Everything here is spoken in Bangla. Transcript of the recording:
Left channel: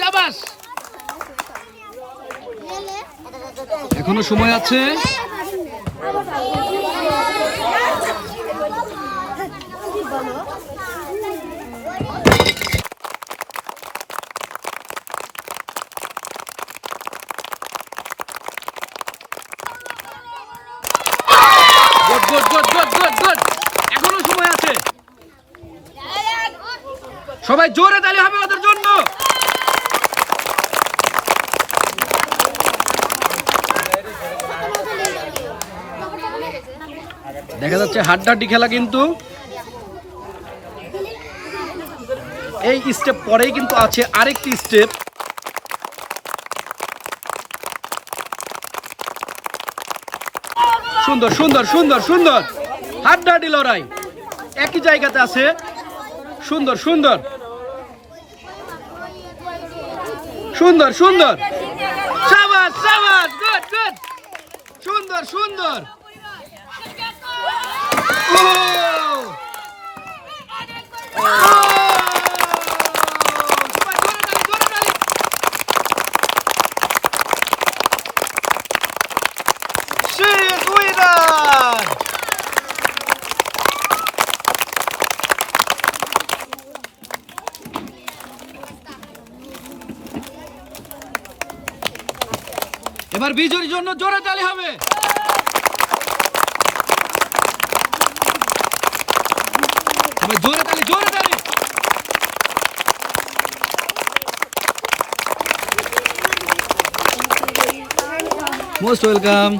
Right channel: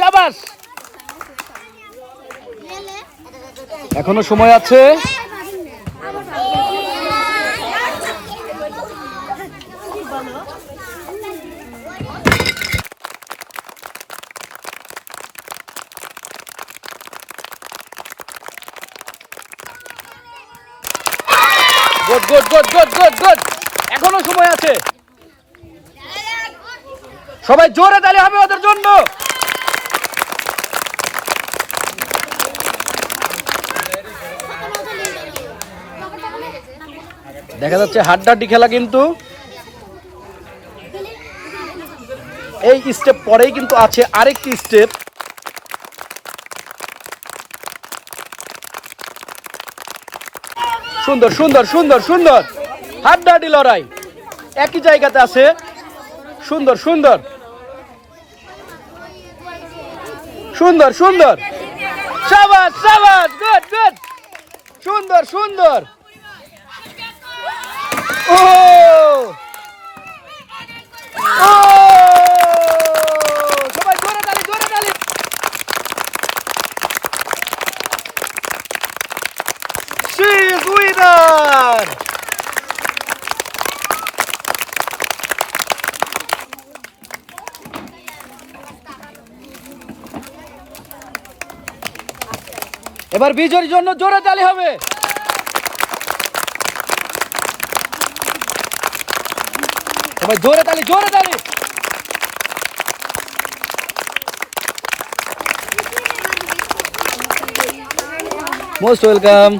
শাবাশ। এখনো সময় আছে। Good good good good good good. এখনো সময় আছে। সবাই জোরে তালি হবে ওদের জন্য। দেখা যাচ্ছে হাড্ডাহাড্ডি খেলা, কিন্তু এই স্টেপ পরেই কিন্তু আছে আরেকটি স্টেপ। সুন্দর সুন্দর সুন্দর সুন্দর, হাড্ডাহাড্ডি লড়াই একই জায়গাতে আছে। সুন্দর সুন্দর সুন্দর সুন্দর, শাবাশ শাবাশ, গুড গুড, সুন্দর সুন্দর। ও সবাই জোরে তালি, জোরে তালি। She is winner. এবার বিজয়ের জন্য জোরে তালি হবে। সবাই জোরে তালি, জোরে তালি। Most welcome.